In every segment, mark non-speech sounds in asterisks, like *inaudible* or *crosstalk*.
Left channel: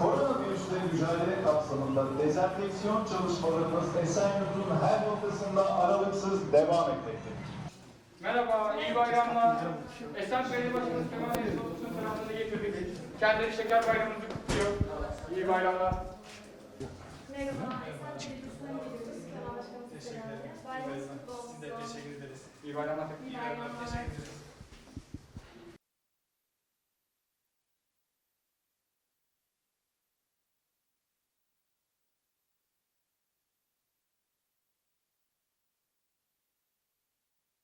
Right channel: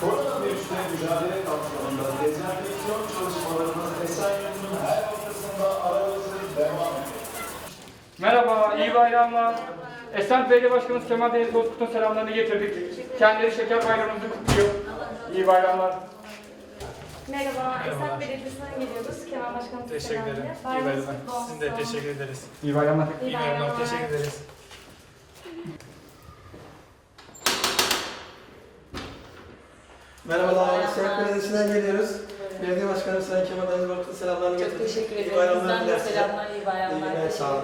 Koronavirüsle mücadele kapsamında dezenfeksiyon çalışmalarımız Esenyurt'un her noktasında aramızda devam Merhaba, iyi bayramlar. Esen Belediye Başkanımız Kemal Deniz Bozkurt'un selamlarını getirdik. Kendileri şeker bayramımızı kutluyor. İyi bayramlar. Merhaba, Esat Belediyesi'nden geliyoruz. Kemal Başkanımız Teşekkür ederim. İyi bayramlar. Sizin de teşekkür ederiz. İyi bayramlar. İyi İyi bayramlar. bayramlar. Teşekkür ederiz. Merhabalar, Şehit Belediyesi'nden geliyoruz. Belediye Başkanı Sayın Kemal Deniz Bakır'ın selamlarını Çok getirdik. teşekkür İyi ederim. bayramlar Bizden de selamlar, iyi bayramlar. İyi günler, sağ olun.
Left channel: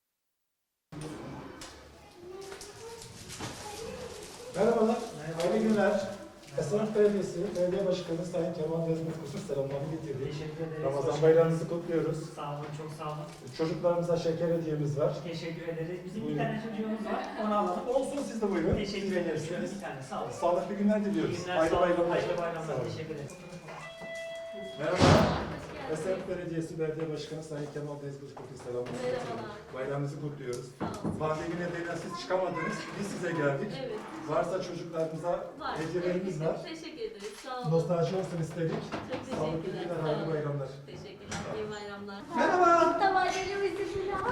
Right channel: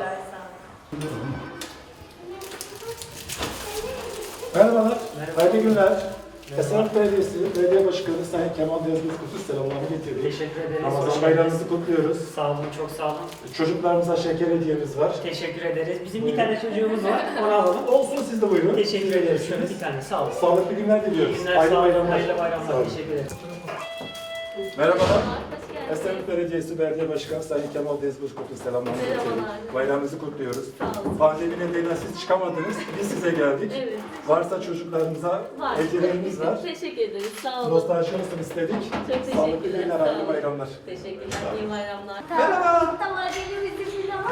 Merhabalar, hayırlı günler. Esenyurt Belediyesi Belediye Başkanı Sayın Kemal Deniz Bozkurt'un selamlarını getirdik. Teşekkür ederiz. Ramazan geldiniz. kutluyoruz. Sağ olun, çok sağ olun. Çocuklarımıza şeker hediyemiz var. Teşekkür ederiz. Bizim bir tane çocuğumuz var, onu alalım. Olsun siz de buyurun. Teşekkür ederiz. Şöyle bir tane, sağ olun. Sağlıklı günler diliyoruz. Günler Hayırlı sağ olun, bayramlar. hayırlı Sağ bayramlar. olun. Teşekkür ederim. Merhabalar. Esenyurt Belediyesi Belediye Başkanı Sayın Kemal Deniz Bozkurt'un selamlarını. Merhabalar. Bayramınızı kutluyoruz. Pandemi nedeniyle siz çıkamadınız. Biz size geldik. Evet. Varsa çocuklarımıza Var. hediyelerimiz var. *laughs* Teşekkür ederiz. Sağ olun. Nostalji olsun istedik. Çok Sağlıklı teşekkürler. günler, sağ hayırlı olun. bayramlar. Teşekkürler. İyi bayramlar. Merhaba. Tavanelimizi filan.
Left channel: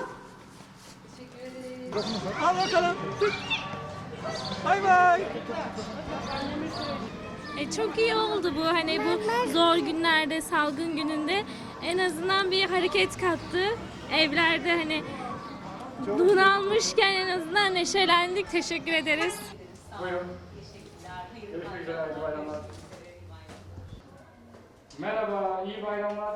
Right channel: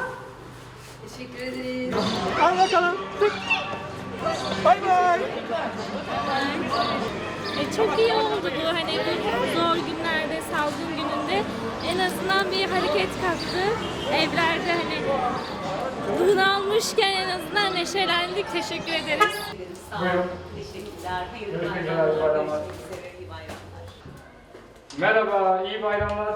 Teşekkür ederiz. Al bakalım. Bay bay. E, çok iyi oldu bu hani bu zor günlerde, salgın gününde en azından bir hareket kattı. Evlerde hani bunalmışken en azından neşelendik. Teşekkür ederiz. Sağ olun. Buyurun. Teşekkürler. Hayırlı Görüşmek üzere, bayramlar. Merhaba, iyi bayramlar.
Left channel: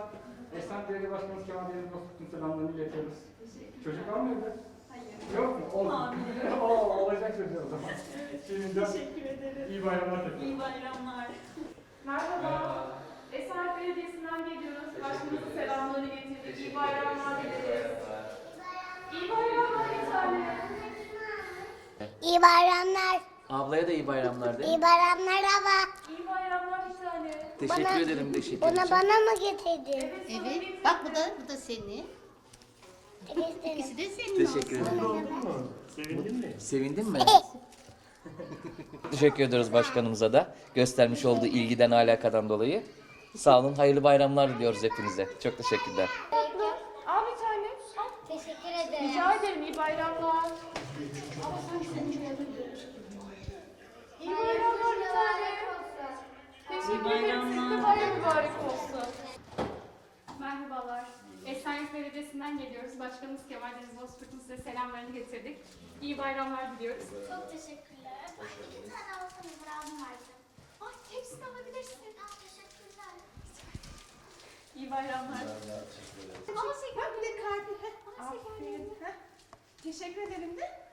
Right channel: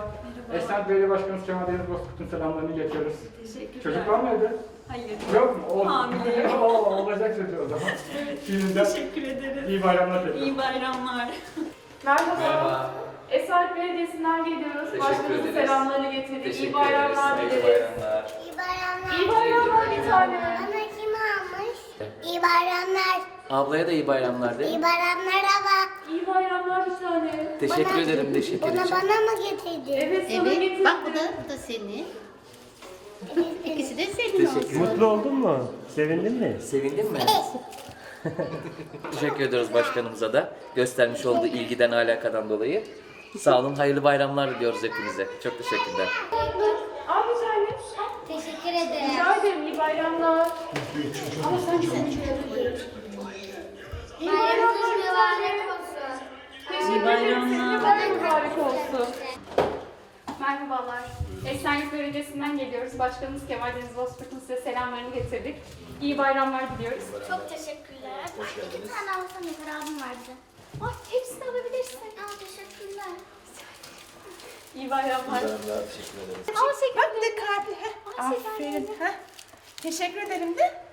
Esen Belediye Başkanımız Kemal Deniz Bozkurt'un selamlarını getiriyoruz. Teşekkürler. Çocuk var mı evde? Hayır. Yok mu? O, Hamile. *laughs* Oo, olacak çocuğu o zaman. *laughs* Şimdiden Teşekkür ederiz. iyi bayramlar tekrar. İyi bayramlar. Merhaba. Esat Belediyesi'nden geliyoruz. Başkanımızın selamlarını getirdik. İyi bayramlar dileriz. İyi bayramlar. İyi bayramlar bir tane. Bana kim almış? İyi bayramlar. Ablaya da iyi bayramlar de. İyi bayramlar baba. İyi bayramlar bir tane. Teşekkür Bana- ederim, teşekkür Bunu ederim. bana mı getirdin? Evet, sana getirdim. Bak bu da, bu da senin. İkisi de senin olsun. Teşekkür Mutlu oldun mu? Sevindin mi? Sevindin mi? Teşekkür ediyoruz başkanımıza da göstermiş olduğu ilgiden alakadan dolayı. Sağ olun, hayırlı bayramlar diliyoruz hepinize. Çok teşekkürler. Al bir tane. Teşekkür ederim. İyi bayramlar. Ama sen çok iyi İyi bayramlar bir tane. Teşekkür ederim. Sizin de bayram mübarek olsun. Merhabalar. Esenyurt Belediyesi'nden geliyoruz. Başkanımız Kemal Deniz Bozkurt'un size selamlarını getirdik. İyi bayramlar diliyoruz. Çok teşekkürler. İki tane alsam yeter abim vardı. Ay, hepsini alabilirsin. Aa, teşekkürler. İyi bayramlar. Al Bak bir de kalbi. Heh, Aferin. Heh. Teşekkür ederim de.